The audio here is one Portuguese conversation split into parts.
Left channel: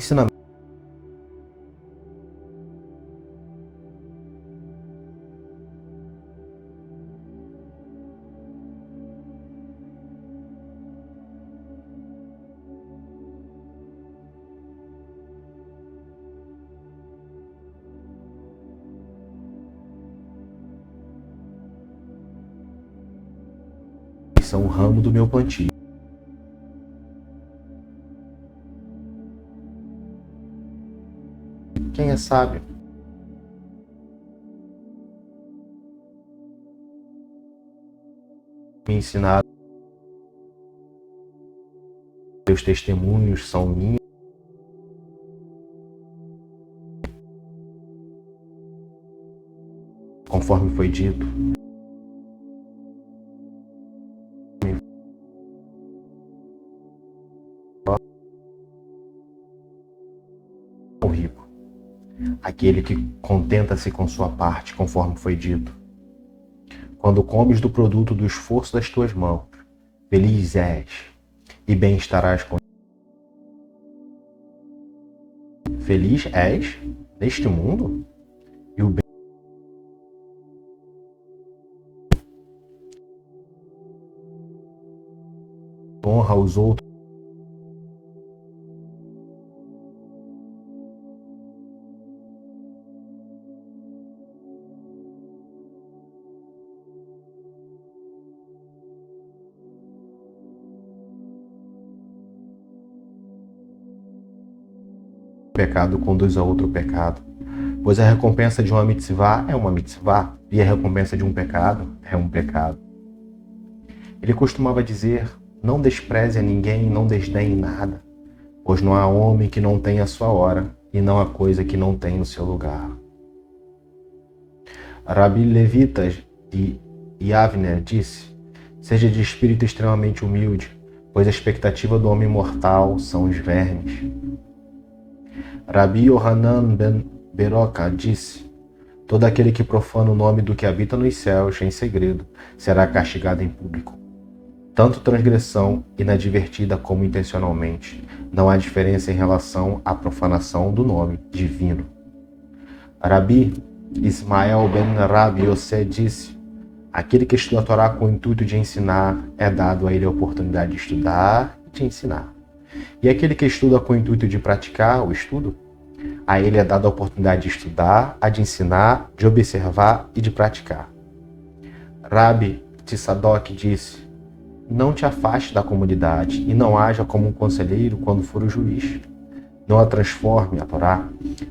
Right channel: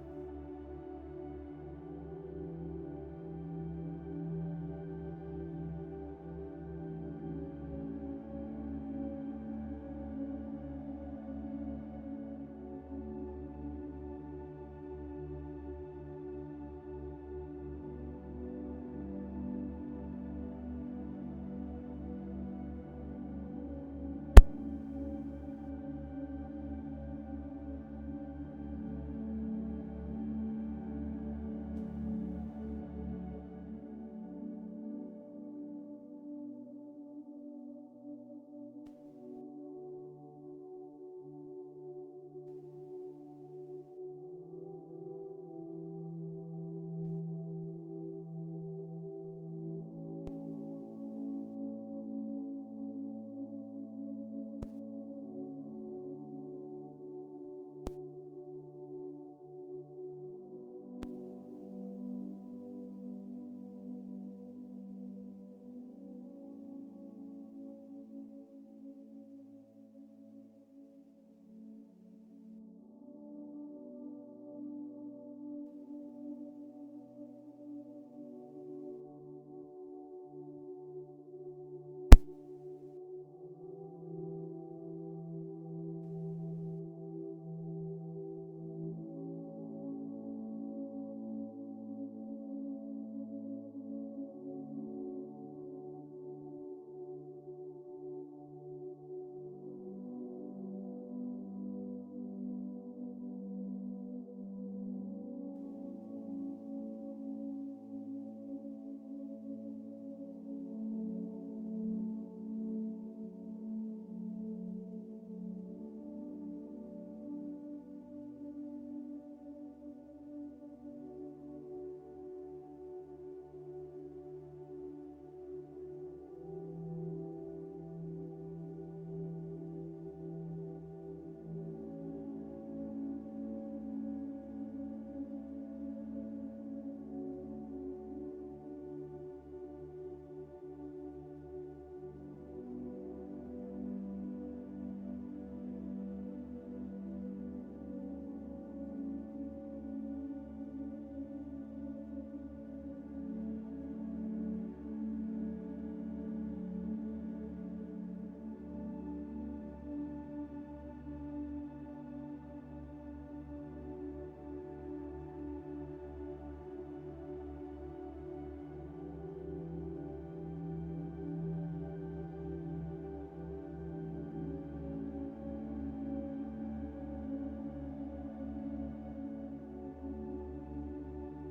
ensinamentos são o ramo do meu plantio. Quem é sábio? Me ensinaram. Teus testemunhos são minhas. Conforme foi dito. O rico, aquele que contenta-se com sua parte, conforme foi dito. Quando comes do produto do esforço das tuas mãos, feliz és e bem estarás com. Feliz és neste mundo e o bem honra aos outros. O pecado conduz a outro pecado, pois a recompensa de uma mitzvah é uma mitzvah e a recompensa de um pecado é um pecado. Ele costumava dizer: não despreze a ninguém e não desdenhe nada, pois não há homem que não tenha a sua hora e não há coisa que não tenha o seu lugar. Rabi Levita de Yavner disse: seja de espírito extremamente humilde, pois a expectativa do homem mortal são os vermes. Rabi Yohanan ben Beroca disse: todo aquele que profana o nome do que habita nos céus em segredo será castigado em público. Tanto transgressão inadvertida como intencionalmente, não há diferença em relação à profanação do nome divino. Rabi Ismael ben Rabi Yosef disse: aquele que estuda a Torá com o intuito de ensinar, é dado a ele a oportunidade de estudar e de ensinar. E aquele que estuda com o intuito de praticar o estudo, a ele é dada a oportunidade de estudar, a de ensinar, de observar e de praticar. Rabi Tzadok disse: não te afaste da comunidade e não haja como um conselheiro quando for o juiz. Não a transforme, a Torá,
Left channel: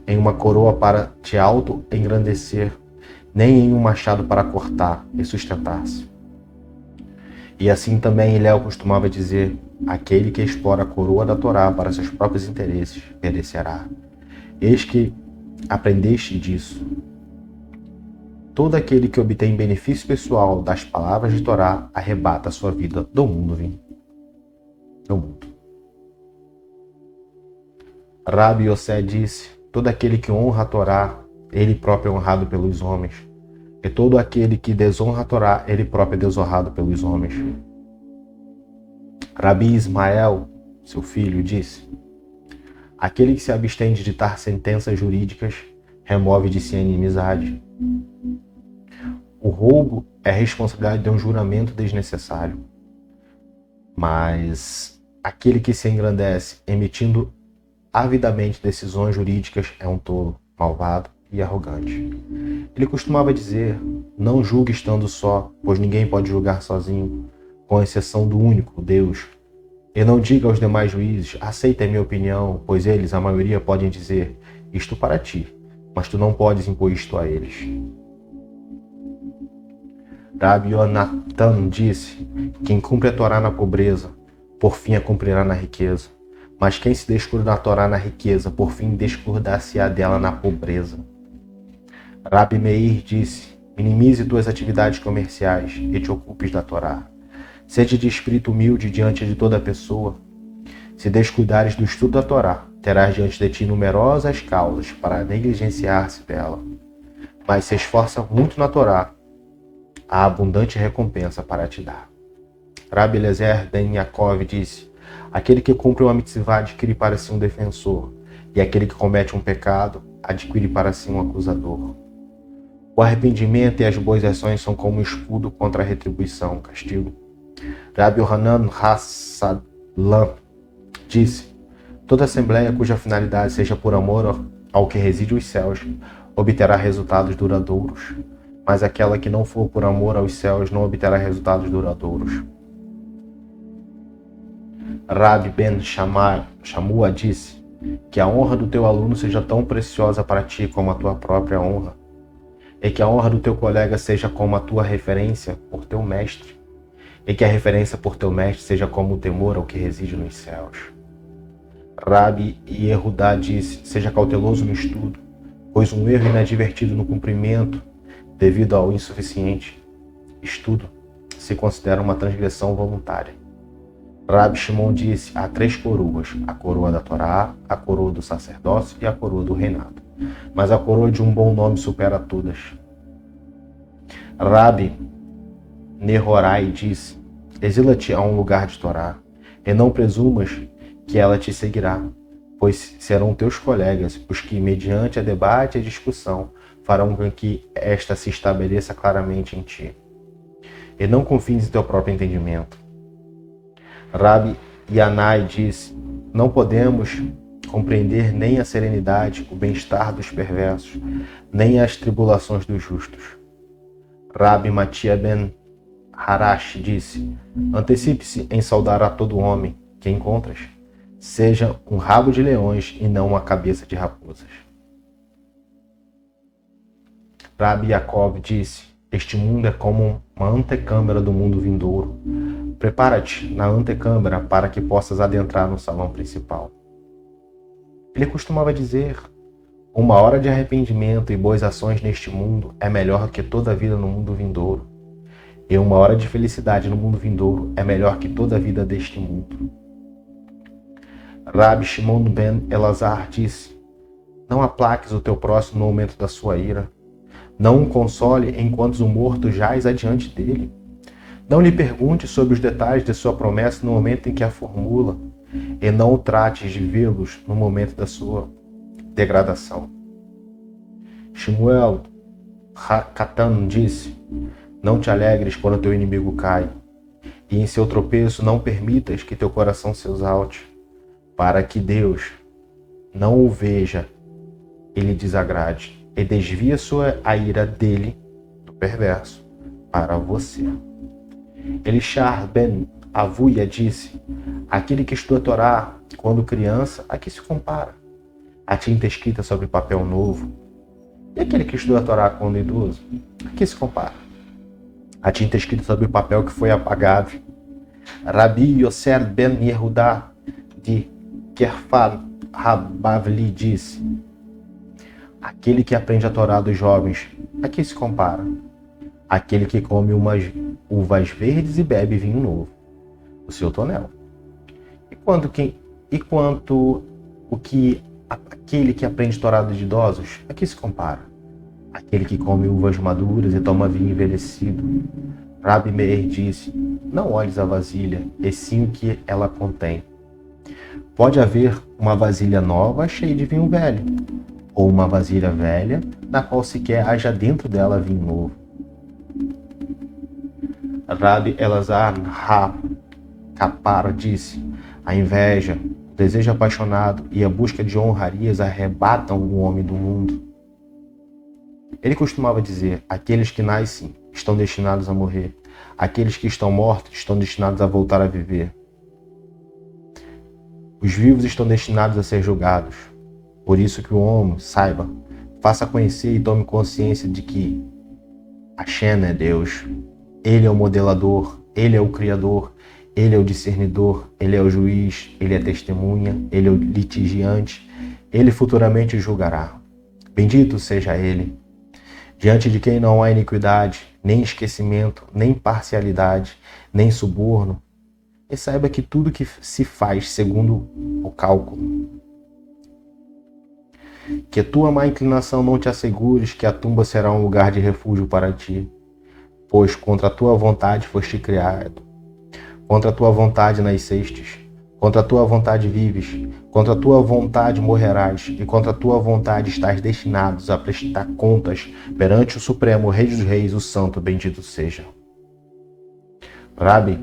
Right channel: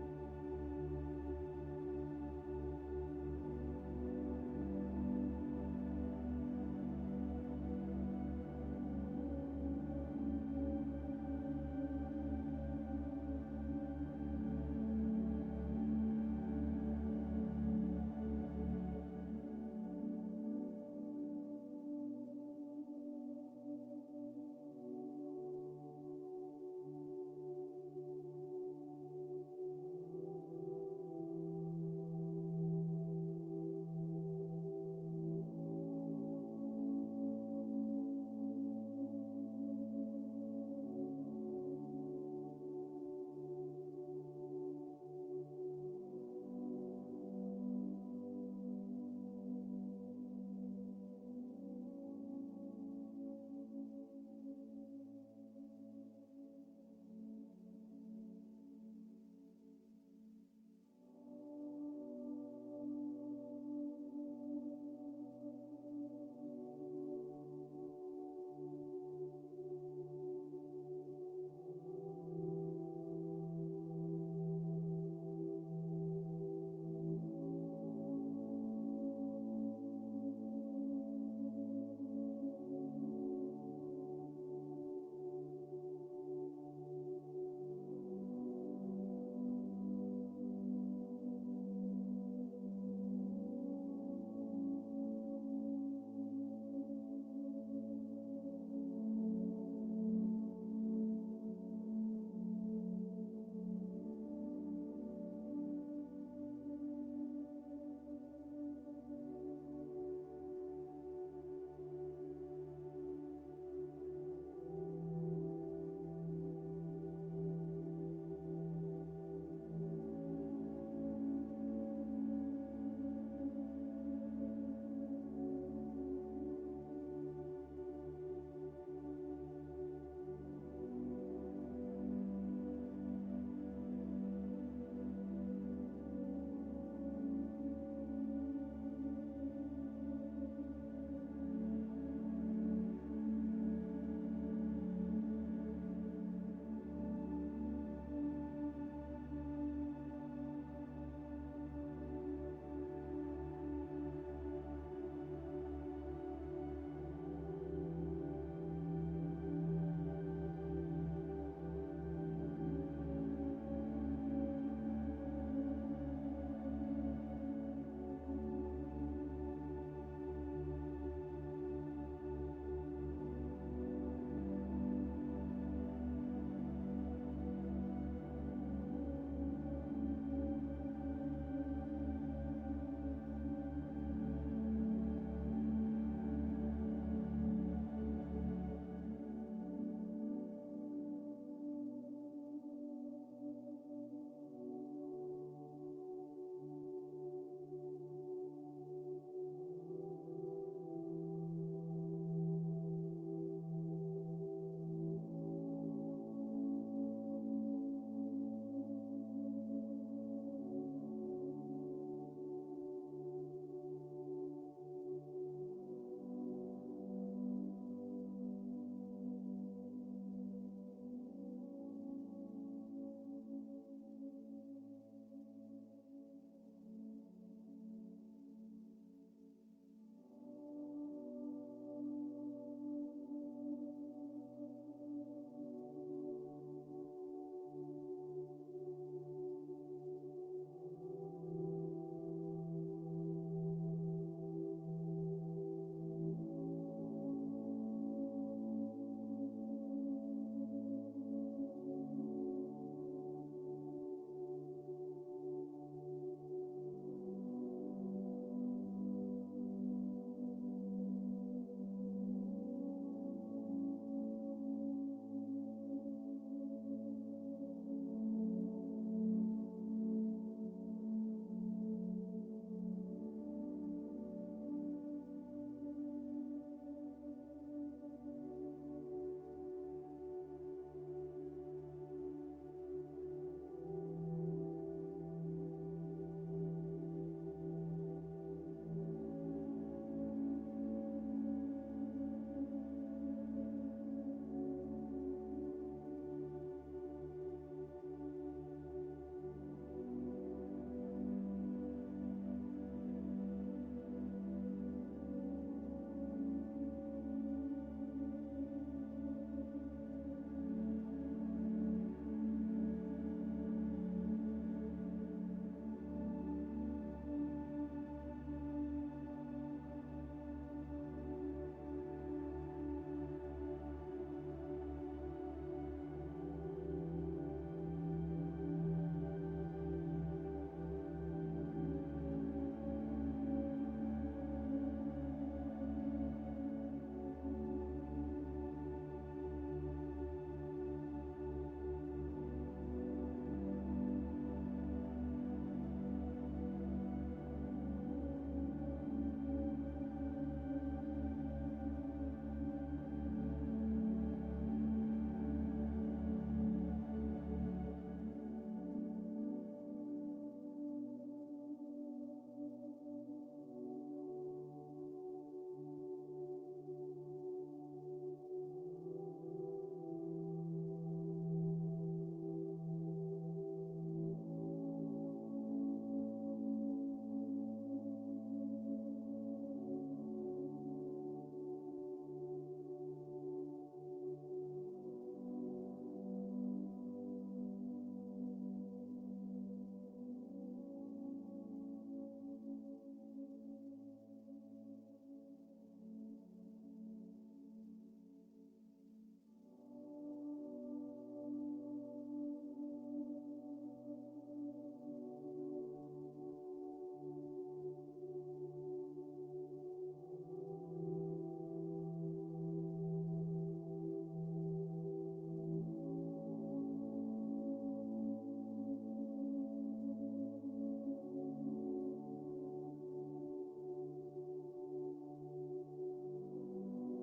em uma coroa para te auto-engrandecer, nem em um machado para cortar e sustentar-se. E assim também Hillel costumava dizer: aquele que explora a coroa da Torá para seus próprios interesses perecerá. Eis que aprendeste disso. Todo aquele que obtém benefício pessoal das palavras de Torá arrebata a sua vida do mundo. Rabi Yosef disse: todo aquele que honra a Torá, ele próprio é honrado pelos homens. E todo aquele que desonra a Torá, ele próprio é desonrado pelos homens. Rabi Ismael, seu filho, disse: aquele que se abstém de ditar sentenças jurídicas, remove de si a inimizade. O roubo é a responsabilidade de um juramento desnecessário. Mas aquele que se engrandece emitindo avidamente decisões jurídicas é um tolo, malvado e arrogante. Ele costumava dizer: não julgue estando só, pois ninguém pode julgar sozinho, com exceção do único, Deus. E não diga aos demais juízes: aceita a minha opinião, pois eles, a maioria, podem dizer isto para ti, mas tu não podes impor isto a eles. Rabi Yonatan disse: quem cumpre a Torá na pobreza, por fim a cumprirá na riqueza. Mas quem se descuida da Torá na riqueza, por fim descuidar-se-á dela na pobreza. Rabi Meir disse: minimize tuas atividades comerciais e te ocupes da Torá. Seja de espírito humilde diante de toda pessoa. Se descuidares do estudo da Torá, terás diante de ti numerosas causas para negligenciar-se dela. Mas se esforça muito na Torá, há abundante recompensa para te dar. Rabi Eliezer ben Yaakov disse: aquele que cumpre uma mitzvah adquire para si um defensor, e aquele que comete um pecado adquire para si um acusador. O arrependimento e as boas ações são como um escudo contra a retribuição, o castigo. Rabi Yohanan Hassalam disse: toda assembleia cuja finalidade seja por amor ao que reside os céus obterá resultados duradouros, mas aquela que não for por amor aos céus não obterá resultados duradouros. Rabi Ben Shammua disse: que a honra do teu aluno seja tão preciosa para ti como a tua própria honra, e que a honra do teu colega seja como a tua referência por teu mestre, e que a referência por teu mestre seja como o temor ao que reside nos céus. Rabi Yehudá disse: seja cauteloso no estudo, pois um erro inadvertido no cumprimento, devido ao insuficiente estudo, se considera uma transgressão voluntária. Rabi Shimon disse: há 3 coroas, a coroa da Torá, a coroa do sacerdócio e a coroa do reinado, mas a coroa de um bom nome supera todas. Rabi Nehorai disse: exila-te a um lugar de Torá, e não presumas que ela te seguirá, pois serão teus colegas os que, mediante a debate e a discussão, farão com que esta se estabeleça claramente em ti. E não confies em teu próprio entendimento. Rabi Yanai disse: não podemos compreender nem a serenidade, o bem-estar dos perversos, nem as tribulações dos justos. Rabi Matia Ben Harash disse: antecipe-se em saudar a todo homem que encontras, seja um rabo de leões e não uma cabeça de raposas. Rabi Yaakov disse: este mundo é como uma antecâmara do mundo vindouro. Prepara-te na antecâmara para que possas adentrar no salão principal. Ele costumava dizer: uma hora de arrependimento e boas ações neste mundo é melhor que toda a vida no mundo vindouro. E uma hora de felicidade no mundo vindouro é melhor que toda a vida deste mundo. Rabi Shimon Ben Elazar disse: não aplaques o teu próximo no momento da sua ira. Não o console enquanto o morto jaz adiante dele. Não lhe pergunte sobre os detalhes de sua promessa no momento em que a formula, e não o trates de vê-los no momento da sua degradação. Shmuel Katan disse: não te alegres quando teu inimigo cai, e em seu tropeço não permitas que teu coração se exalte, para que Deus não o veja e lhe desagrade, e desvia a ira dele, do perverso, para você. Elishar Ben Avuia disse: aquele que estuda a Torá quando criança, a que se compara? A tinta escrita sobre papel novo. E aquele que estuda a Torá quando idoso, a que se compara? A tinta escrita sobre o papel que foi apagado. Rabi Yosser Ben Yehudá de Kerfal Habavli disse: aquele que aprende a Torá dos jovens, a que se compara? Aquele que come umas uvas verdes e bebe vinho novo, o seu tonel. Aquele que aprende Torá dos idosos, a que se compara? Aquele que come uvas maduras e toma vinho envelhecido. Rabi Meir disse: não olhes a vasilha, e sim o que ela contém. Pode haver uma vasilha nova cheia de vinho velho, ou uma vasilha velha, na qual sequer haja dentro dela vinho novo. Rabi Elazar Ha-Kapar disse: a inveja, o desejo apaixonado e a busca de honrarias arrebatam o homem do mundo. Ele costumava dizer: aqueles que nascem estão destinados a morrer, aqueles que estão mortos estão destinados a voltar a viver. Os vivos estão destinados a ser julgados. Por isso que o homem saiba, faça conhecer e tome consciência de que Hashem é Deus. Ele é o modelador, Ele é o Criador, Ele é o discernidor, Ele é o juiz, Ele é testemunha, Ele é o litigiante, Ele futuramente julgará. Bendito seja Ele, diante de quem não há iniquidade, nem esquecimento, nem parcialidade, nem suborno. E saiba que tudo que se faz segundo o cálculo. Que tua má inclinação não te assegures que a tumba será um lugar de refúgio para ti, pois contra a tua vontade foste criado, contra a tua vontade nascestes, Contra a tua vontade vives, contra a tua vontade morrerás, e contra a tua vontade estás destinados a prestar contas perante o Supremo Rei dos Reis, o Santo, bendito seja. Rabi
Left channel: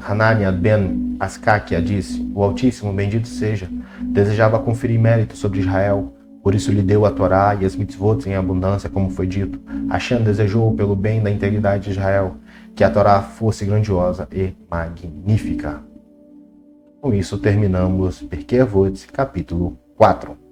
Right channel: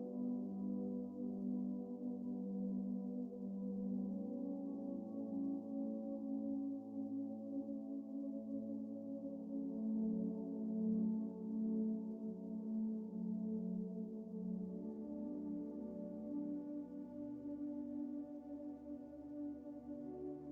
Hanania ben Askakia disse: o Altíssimo, bendito seja, desejava conferir mérito sobre Israel, por isso lhe deu a Torá e as mitzvot em abundância, como foi dito. Hashem desejou, pelo bem da integridade de Israel, que a Torá fosse grandiosa e magnífica. Com isso terminamos Pirkei Avot, capítulo 4.